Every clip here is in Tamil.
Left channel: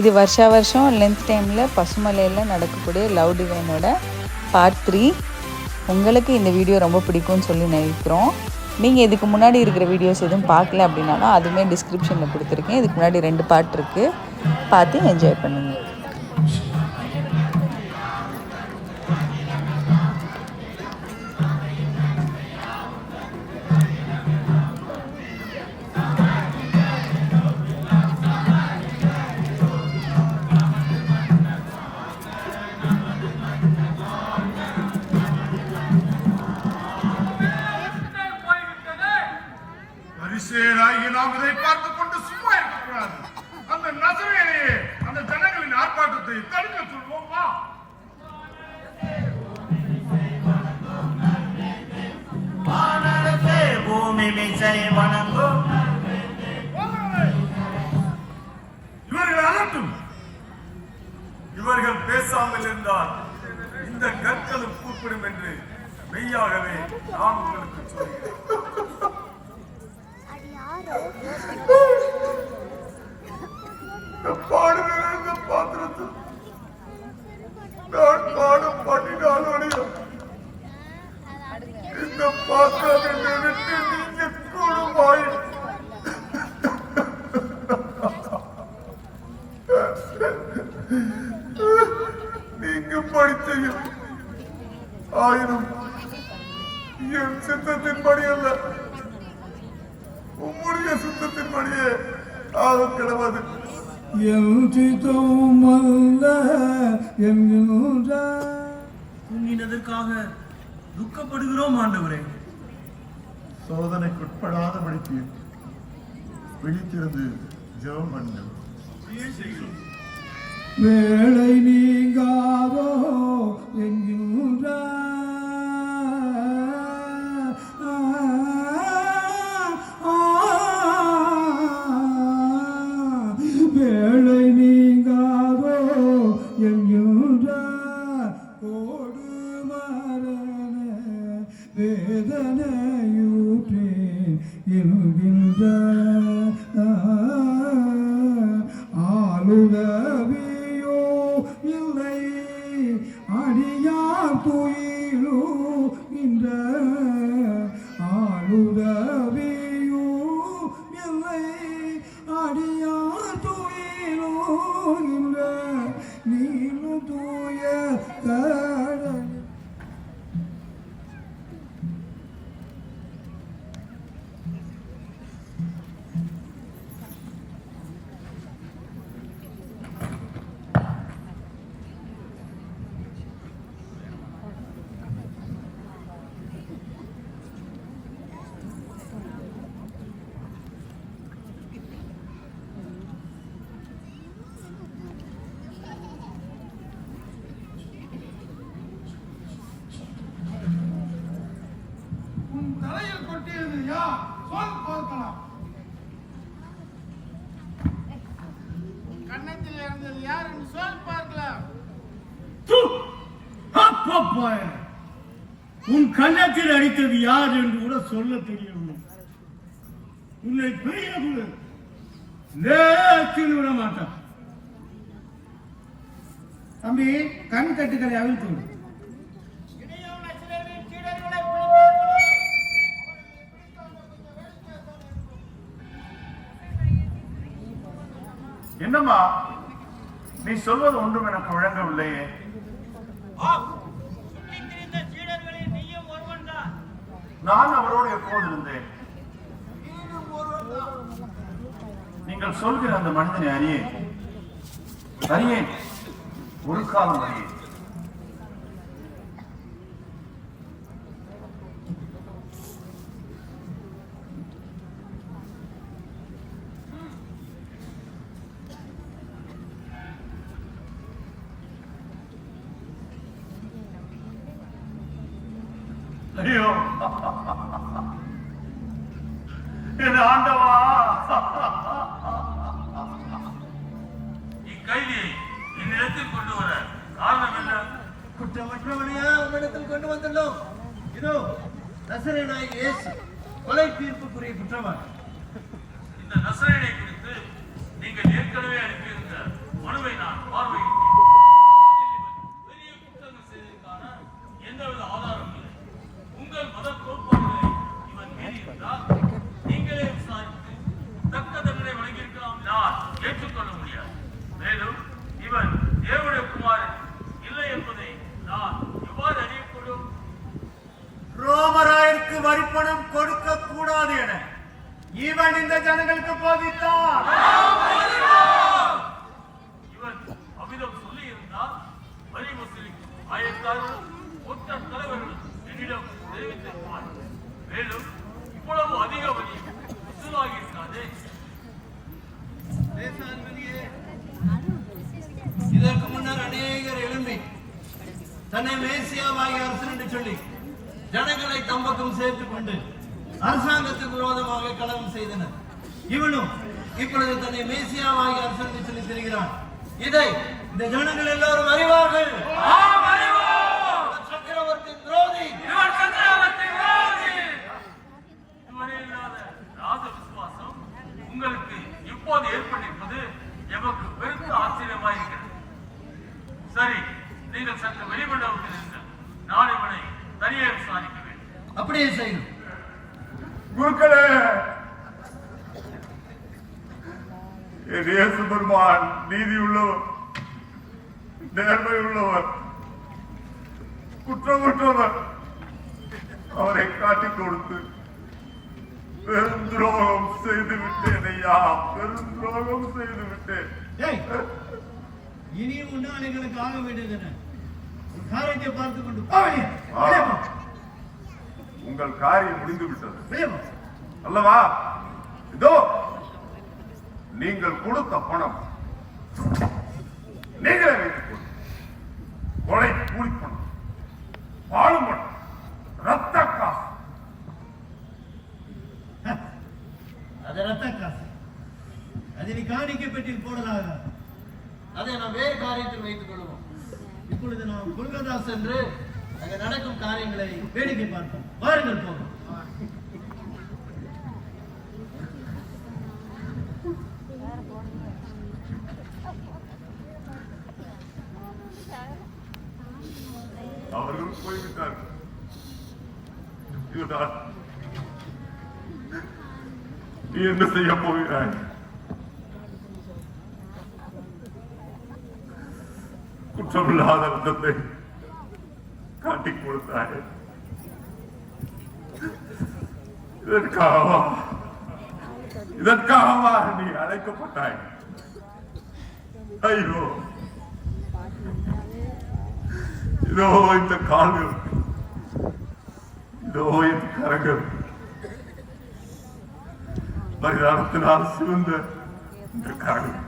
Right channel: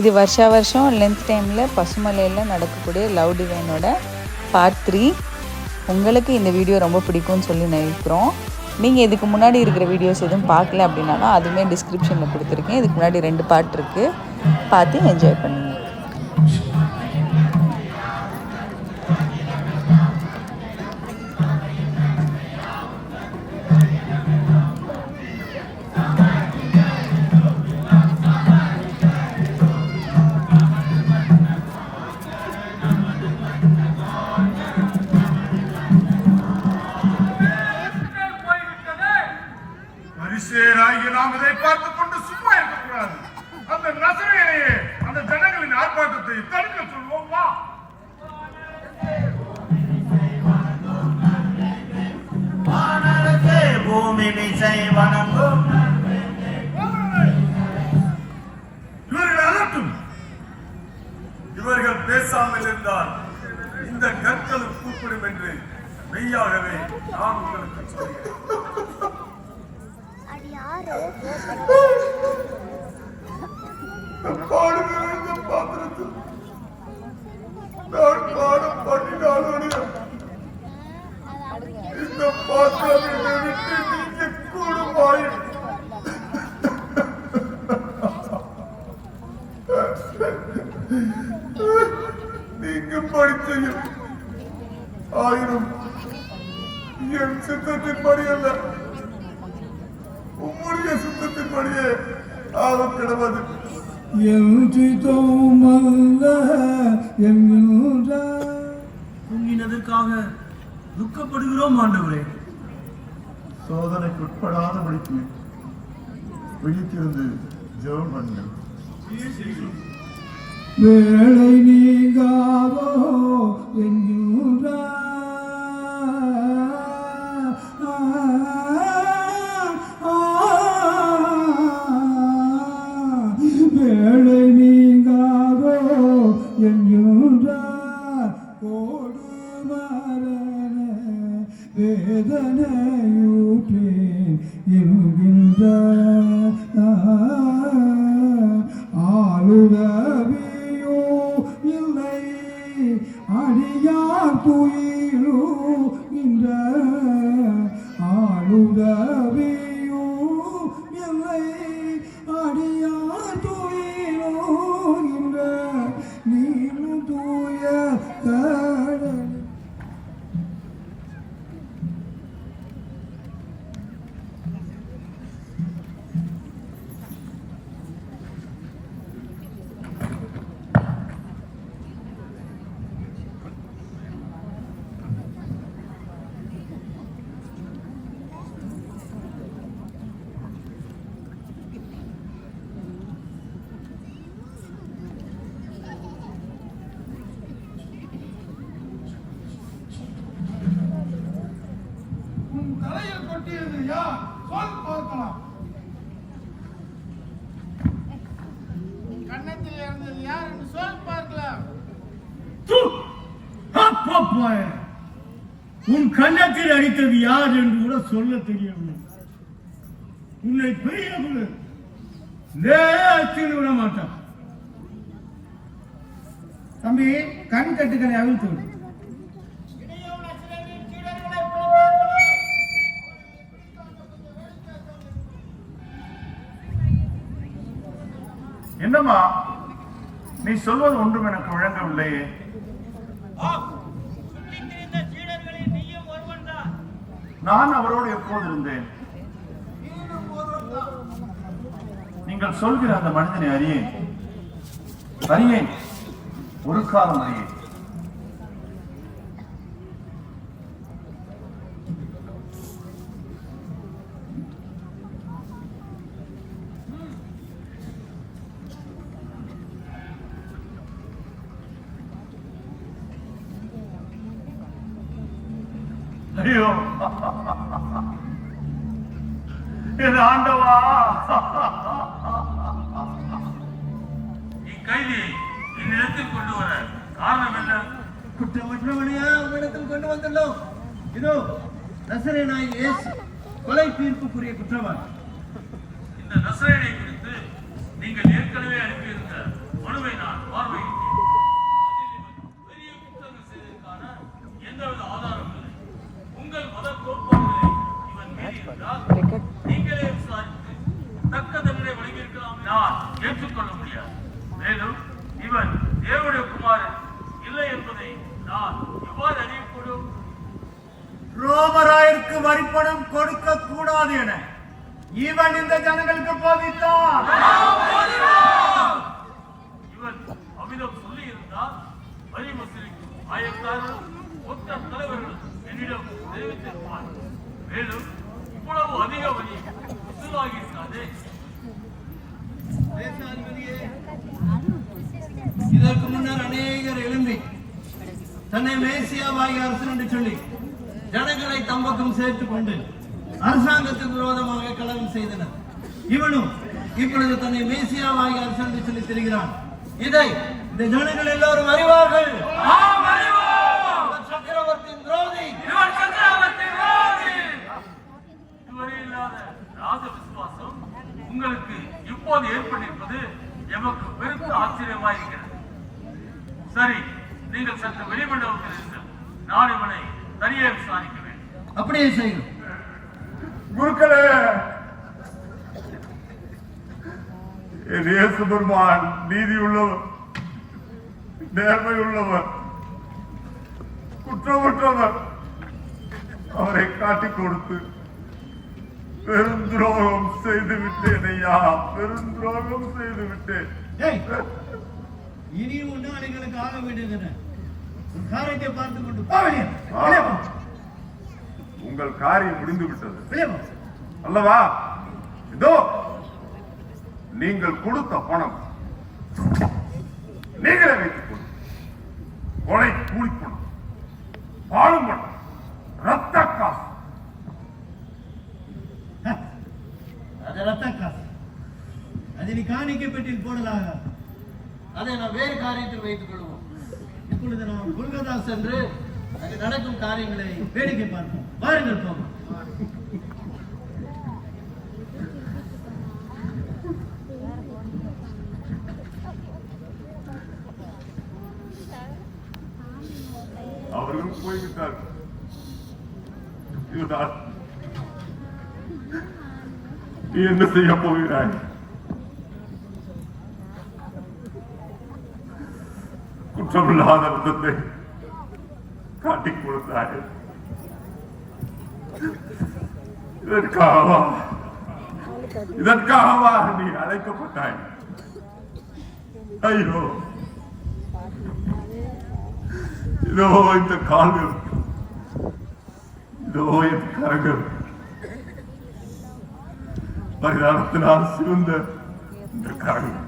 இது வருஷா வருஷம் லென்த் டைமில் பசுமலையில் நடக்கக்கூடிய லவ் டிவைனோட பார்ட் 3. உங்களுக்கு இந்த வீடியோ ரொம்ப பிடிக்கும்னு சொல்லி நினைக்கிறோம். நீங்கள் இதுக்கு முன்னாடி இருக்கிற வீடியோஸ் எதுவும் பார்க்கல அப்படின்னாலும் அதுவுமே டிஸ்கிரிப்ஷனில் கொடுத்துருக்கேன். இதுக்கு முன்னாடி 2 பார்ட் இருக்குது, பார்த்து என்ஜாய் பண்ணுங்கள். நாம் அதை பார்த்துக் கொண்டு சும்மா இருக்கக்கூடாது. அந்த நசரேயனையே அந்த ஜனங்களின் ஆர்ப்பாட்டத்தை தடுக்க சொல்வோம். வா. இவர்கள் அலட்டும். இவர்கள் பேசாமல் இருந்தால் இந்த கற்களும் கூப்பிடும் என்று மெய்யாகவே நான் உங்களுக்கு சொல்கிறேன். பாடுகிற பாத்திரத்தில் நான் பாடம் பண்ணினாலும் இந்த பாத்திரத்தை விட்டு நீங்க கூடுமாய் நீங்க படிச்ச 1000 என் சித்தத்தின் படி அல்ல, உம்முடைய சுத்தத்தின்படியே ஆக கிடவது. தூங்கினதற்காக துக்கப்படுகிறோம் ஆண்டவரே. சோதனைக்குட்படாதபடிக்கு விழித்திருந்து ஜெபம் பண்ணுங்கள். வேளை நீங்காதோ என்கின்றார் வேதனையூற்றேன் என்கின்ற ஆளுதவியோ இல்லை அடியார் துயிலோ என்ற ஆளுதவியோ இல்லை அடியார் துயிலோ என்ற நீரு தூய கடல். தலையில் கொட்டியது யார்? சொல் பார்க்கலாம். கன்னத்தில் இறந்தது யார் என்று சொல் பார்க்கலாம். உன் கன்னத்தில் அடித்தது யார் என்று கூட சொல்ல தெரியவில்லை. உன்னை பெரிய குழு விட மாட்டான். தம்பி, கண் கட்டுகளை அவிழ்த்து விடு. என்னம்மா நீ சொல்வது ஒன்றும் எனக்கு முழங்கவில்லையே. நான் அவரோடு எப்போது இருந்தேன்? நீங்கள் சொல்கிற அந்த மனிதனை அறியேன், ஒரு காலம் அறியேன். ஐயோ என் ஆண்டவா, இக்கைதியை என்னிடத்தில் கொண்டு வர காரணம் என்ன? குற்றமற்றவனையா உன்னிடத்தில் கொண்டு வந்துள்ளோம். இதோ நசரேயனாகிய இயேசு கொலை தீர்ப்புக்குரிய குற்றவாளி. இந்த நசரேயனை குறித்து நீங்கள் ஏற்கனவே அனுப்பியிருந்த மேலும் இவன் தேவனுடைய குமாரன் இல்லை என்பதை நான் எவ்வாறு அறியக்கூடும்? ரோமராயருக்கு வரிப்பணம் கொடுக்க கூடாது என இவன் இந்த ஜனங்களுக்கு போதித்தான். இவன் அமிதம் சொல்லி இருந்தால் வரி வசூலிக்கும் ஆயக்காரரும் ஒத்த தலைவர்களும் என்னிடம் தெரிவித்திருப்பார். மேலும் இவ்வளவு அதிக வரி வசூலாகி இருக்காது. இதற்கு முன்னர் அநேகர் எழும்பி தன்னை மேசியாவாகிய அரசன் என்று சொல்லி ஜனங்களை தம்பக்கம் சேர்த்துக் கொண்டு அரசாங்கத்துக்கு விரோதமாக கலகம் செய்தனர். இவனும் இப்பொழுது தன்னை மேசியாவாகிய அரசன் என்று சொல்லி திரிகிறான். இதை இந்த ஜனங்கள் எல்லோரும் அறிவார்கள். சக்கரவர்த்தியின் துரோகி. இதுவரை இல்லாத ராஜ விசுவாசம் உங்களுக்கு இப்போது ஏற்பட்டிருப்பது எமக்கு பெருத்த ஆச்சரியமாயிருக்கிறது. சரி, நீங்கள் சற்று வெளிமண்டபத்தில் இருங்கள். நான் இவனை தனியே விசாரிக்க வேண்டும். அப்படியே செய்யும். குருக்களே, என் இயேசு பெருமான் நீதி உள்ளவர், நேர்மை உள்ளவர், குற்றமற்றவர். அவரை காட்டிக் கொடுத்து பெருந்துரோகம் செய்து விட்டேன் ஐயா, பெருந்துரோகம் செய்து விட்டேன். இனியும் முன்னாளிகளுக்கு ஆக வேண்டியது காரியத்தை பார்த்துக் கொண்டு உங்கள் காரியம் முடிந்து விட்டது அல்லவா? இதோ நீங்கள் கொடுத்த பணம் நீங்களே வைத்துக் கொண்டு கொலை கூலி பணம், பாலும் பணம், ரத்த காசு. அது ரத்த காசு. அதை நீ காணிக்கை பெட்டியில் போடலாக. அதை நாம் வேறு காரியத்தில் வைத்துக் கொள்வோம். இப்பொழுது நாம் கொல்கத்தா சென்று அங்கே நடக்கும் காரியங்களை வேடிக்கை பார்ப்போம். வாருங்கள் போவோம். அவர்கள் போய்விட்டார்கள். இதுதான் நீ என்ன செய்ய போகிறாய்? குற்றமில்லாத விதத்தை காட்டிக் கொடுத்தாய். இதற்காகவா நீ அழைக்கப்பட்டாய்? ஐயோ, இதோ இந்த கால்கள், இதோ இந்த கரங்கள், பரிதானத்தினால் சிவந்த இந்த கரங்கள்,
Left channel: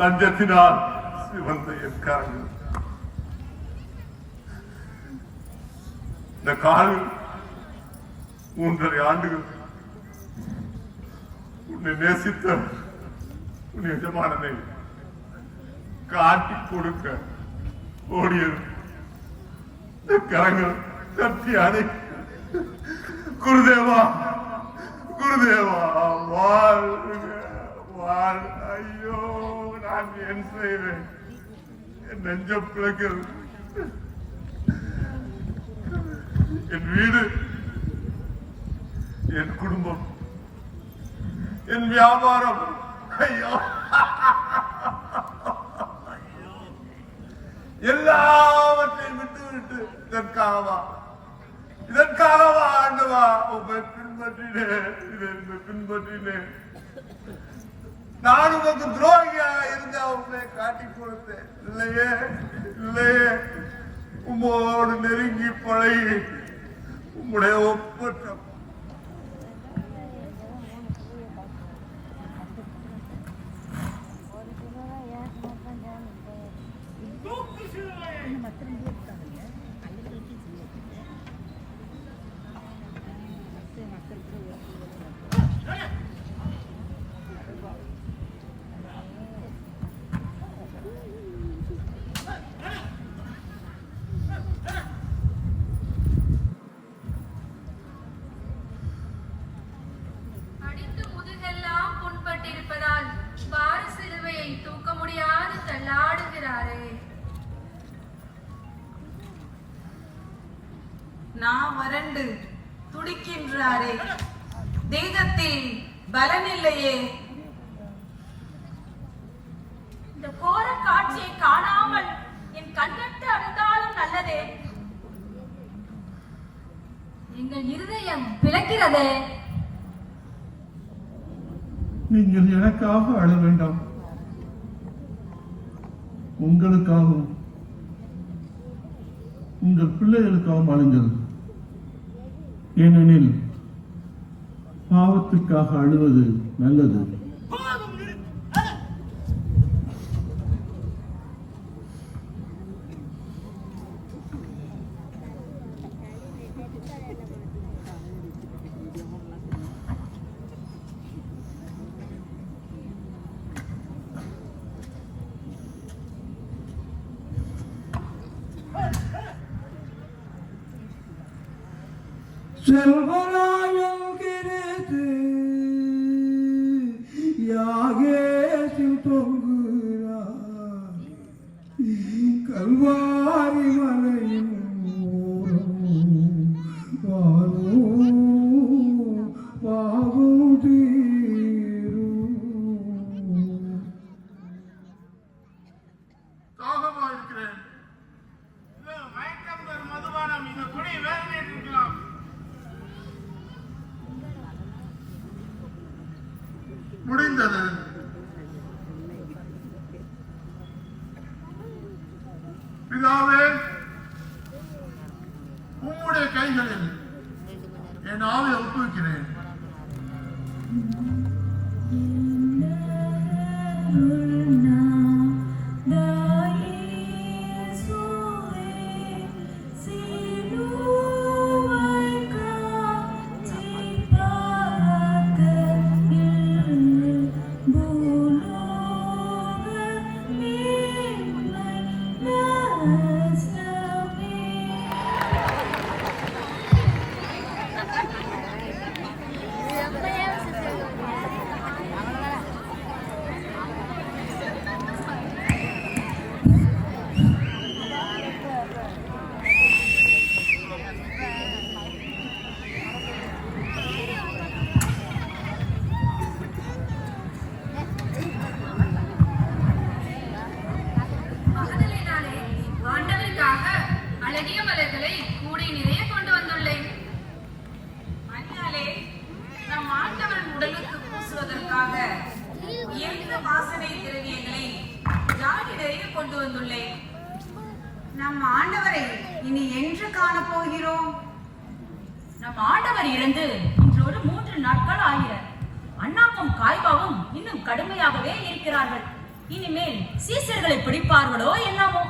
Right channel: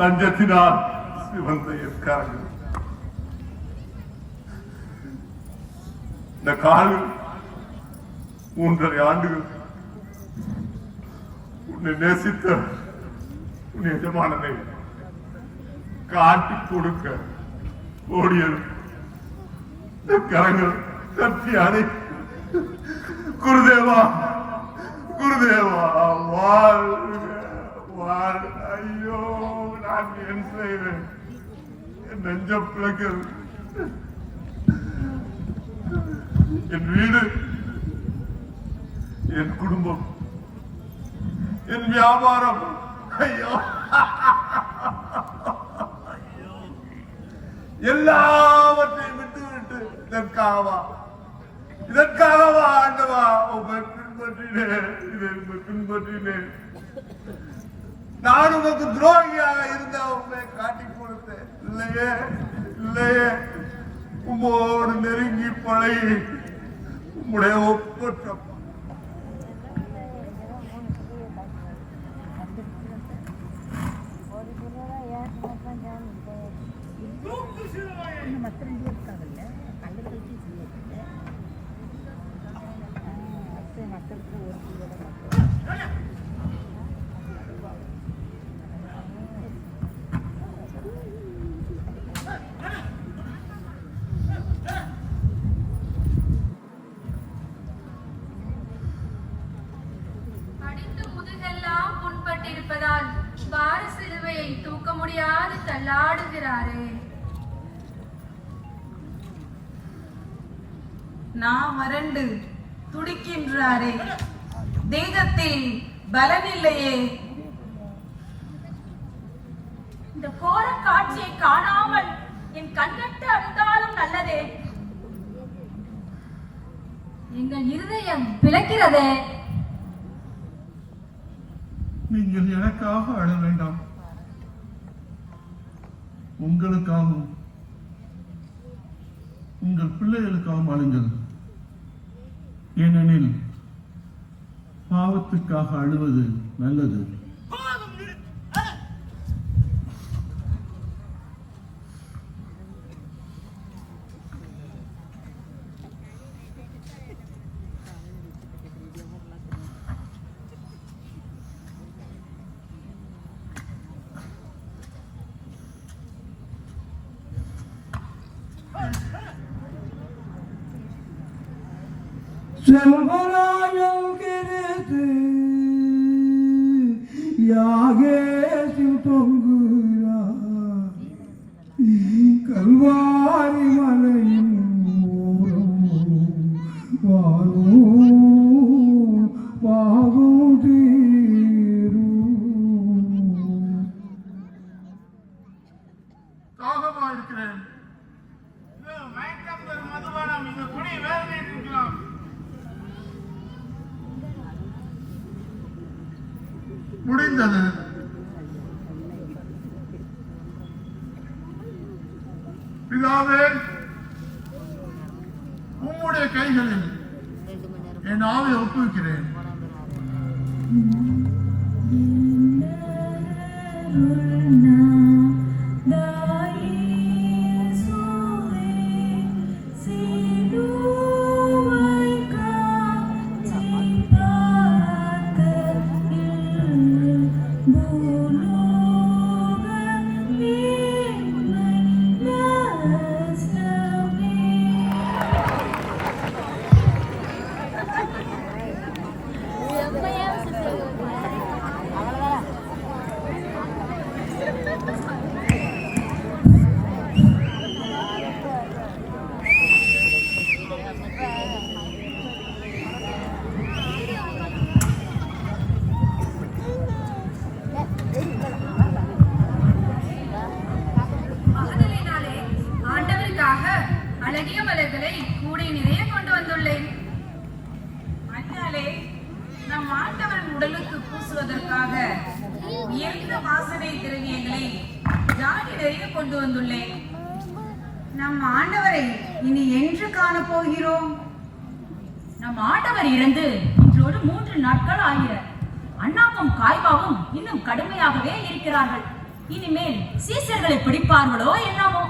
லஞ்சத்தினால் சிவந்த என் கரங்கள், இந்த கால்கள் 3.5 ஆண்டுகள் உன்னை நேசித்த உன் எஜமானனை காட்டிக் கொடுக்க ஓடியது. இந்த கரங்கள் கத்தி அணை குருதேவா, குருதேவா, வாழ். ஐயோ, நான் ஏன் செய்வேன்? என் நெஞ்ச பிள்ளைகள், என் வீடு, என் குடும்பம், என் வியாபாரம், ஐயோ எல்லாவற்றையும் விட்டு இதற்காகவா ஆண்டவா உங்களை பின்பற்றினேன், இதை பின்பற்றினேன். நான் உனக்கு துரோகியாக இருந்தா உங்களை காட்டிக் கொடுத்தேன். இல்லையே, இல்லையே, உம்மோடு நெருங்கி பழகி உம்முடைய ஒப்பற்ற நான் வறண்டு துடிக்கின்றாரே, தேகத்தில் பலனில்லையே. இந்த கோர காட்சியை காணாமல் என் கண்கட்டு அழுதாலும் நல்லதே. எங்கள் இருதயம் பிளக்கிறதே. நீங்கள் எனக்காக அழ வேண்டாம், உங்களுக்காகவும் உங்கள் பிள்ளைகளுக்காகவும் அழுங்கள். ஏனெனில் பாவத்துக்காக அழுவது நல்லது. செல்வராயம் கிரது யாகேசில் தொங்குகிறார் கல்வாரி மலையின் வாரும் தீரும். தாகமா இருக்கிறேன். இது மயக்கம் தரும் மதுபானம். இந்த குடி வேதனை இருக்கலாம். முடிந்தது. பிதாவே, உம்முடைய கைகளில் என் ஆவியை ஒப்புவிக்கிறேன். நம் ஆண்டவரை இனி என்று காண போகிறோம்? நம் ஆண்டவர் இறந்து இன்றோடு 3 நாட்கள் ஆகிறார். அண்ணாவும் காய்பாவும் இன்னும் கடுமையாகவே இருக்கிறார்கள். இனிமேல் சீசர்களை பிடிப்பார்களோ என்னமோ.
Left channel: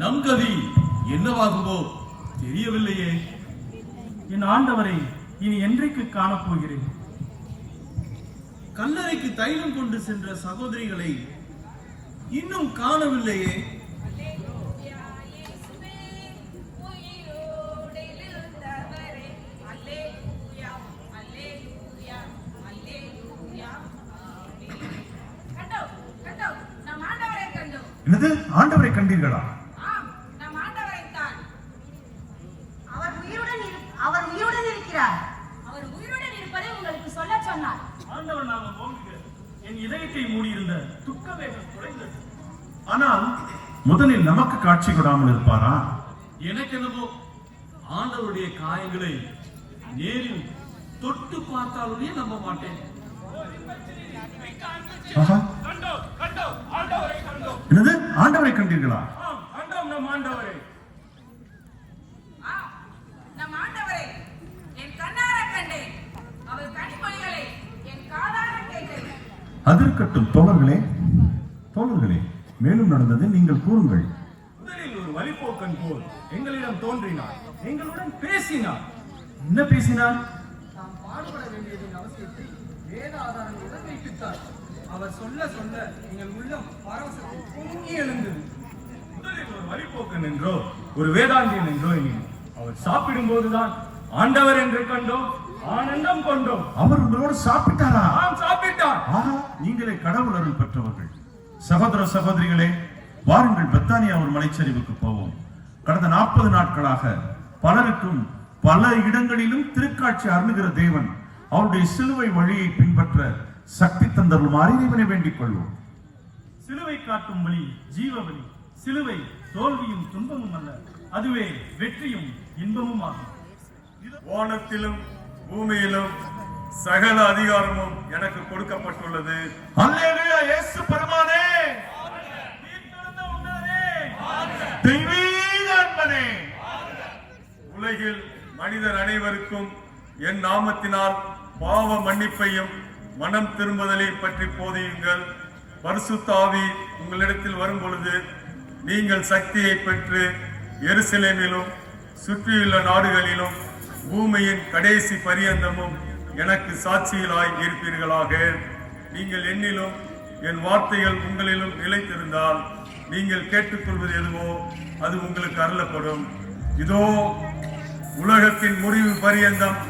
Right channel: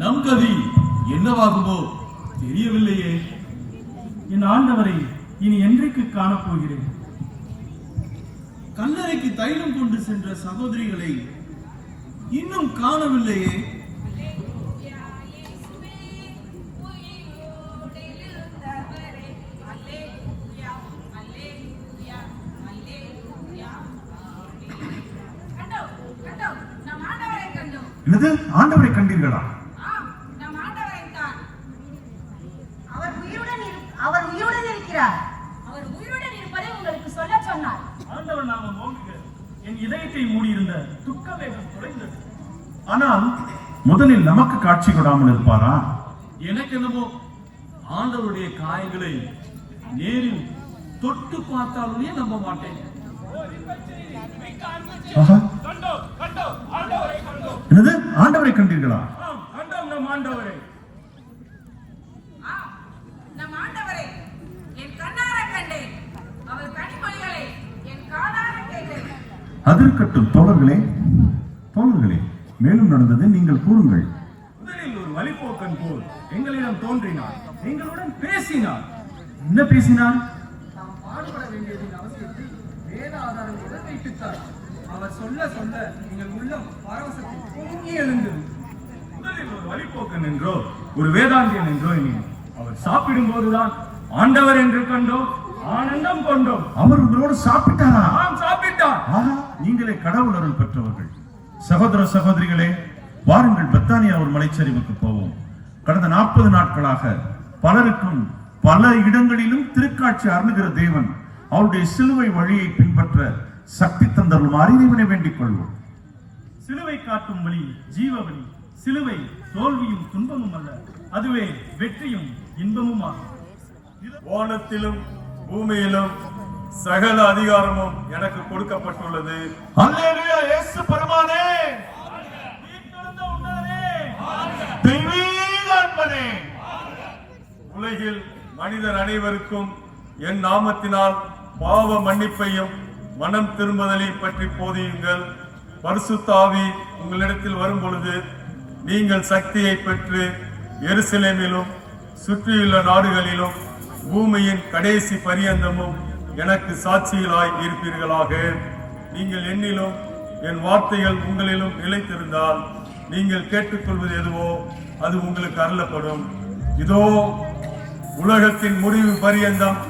நம் கதி என்னவாகுமோ தெரியவில்லையே. என் ஆண்டவரை இனி என்றைக்கு காணப்போகிறேன்? கல்லறைக்கு தைலம் கொண்டு சென்ற சகோதரிகளை இன்னும் காணவில்லையே. என்னது, ஆண்டவரை கண்டீர்களா? என் இதயத்தை மூடியிருந்த துக்க வேகம் குறைந்தது. ஆனால் முதலில் நமக்கு காட்சி கொடாமல் இருப்பாரா? எனக்கு என்னமோ ஆண்டவருடைய காயங்களை நேரில் தொட்டு பார்த்தாலே நம்ப மாட்டேன். என்னது, ஆண்டவரை கண்டீர்களா? நம் ஆண்டவரை அதிர்கட்டும் தோழர்களே, மேலும் நடந்தது நீங்கள் கூறுங்கள். முதலில் ஒரு வழிபோக்கன் போல் எங்களிடம் தோன்றினார், எங்களுடன் பேசினார். என்ன பேசினார்? தாம் பாடுபட வேண்டியதின் அவசியத்தை சாப்பிட்டார். அவர் சொல்ல சொல்ல எங்கள் உள்ளம் பரவசத்தில் பொங்கி எழுந்தது. முதலில் ஒரு வழிபோக்கன் என்றோ ஒரு வேதாந்தியன் என்றோ எண்ணினோம். அவர் சாப்பிடும் போதுதான் ஆண்டவர் என்று கண்டோம், ஆனந்தம் கொண்டோம். அவர் உங்களோடு சாப்பிட்டாரா? ஆம், சாப்பிட்டார். ஆஹா, நீங்களே கடவுள் அருள் பெற்றவர்கள். சகோதர சகோதரிகளே, வாருங்கள் பெத்தானியா ஒரு மலைச்சரிவுக்கு போவோம். கடந்த 40 நாட்களாக பலருக்கும் பல இடங்களிலும் திருக்காட்சி அருளுகிற தேவன் அவருடைய சிலுவை வழியை பின்பற்ற சக்தி தந்தருளுமாறு இறைவனை வேண்டிக் கொள்வோம். சிலுவை காட்டும் வழி ஜீவ வழி. சிலுவை தோல்வியும் துன்பமும் அல்ல, அதுவே வெற்றியும் இன்பமும் ஆகும். வானத்திலும் பூமியிலும் சகல அதிகாரமும் எனக்கு கொடுக்கப்பட்டுள்ளது. அல்லேலூயா. இயேசு பெருமானே, தெய்வீக அன்பனே, உலகில் மனிதர் அனைவருக்கும் என் நாமத்தினால் பாவ மன்னிப்பையும் மனம் திரும்புதலை பற்றி போதியுங்கள். பரிசுத்த ஆவி உங்களிடத்தில் வரும் பொழுது நீங்கள் சக்தியை பெற்று எருசலேமிலும் சுற்றியுள்ள நாடுகளிலும் பூமியின் கடைசி பரியந்தமும் எனக்கு சாட்சிகளாய் இருப்பீர்களாக. நீங்கள் என்னிலும் என் வார்த்தைகள் உங்களிலும் நிலைத்திருந்தால் நீங்கள் கேட்டுக்கொள்வது எதுவோ அது உங்களுக்கு அருளப்படும். இதோ உலகத்தின் முடிவு பரியந்தம்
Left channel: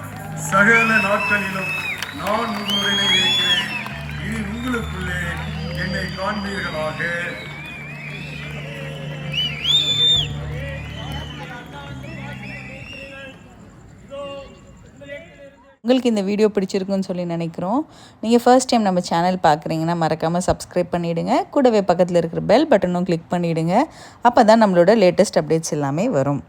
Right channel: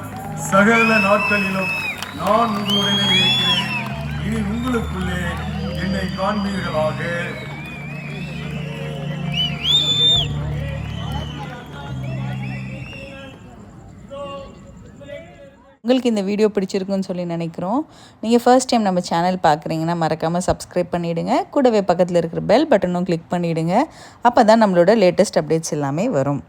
சகல நாட்களிலும் நான் உங்களுடனே இருக்கிறேன். இனி உங்களுக்குள்ளே என்னை காண்பீர்களாக. உங்களுக்கு இந்த வீடியோ பிடிச்சிருக்குன்னு சொல்லி நினைக்கிறோம். நீங்கள் ஃபர்ஸ்ட் டைம் நம்ம சேனல் பார்க்குறீங்கன்னா மறக்காமல் சப்ஸ்கிரைப் பண்ணிவிடுங்க. கூடவே பக்கத்தில் இருக்கிற பெல் பட்டனும் கிளிக் பண்ணிவிடுங்க. அப்போ தான் நம்மளோட லேட்டஸ்ட் அப்டேட்ஸ் எல்லாமே வரும்.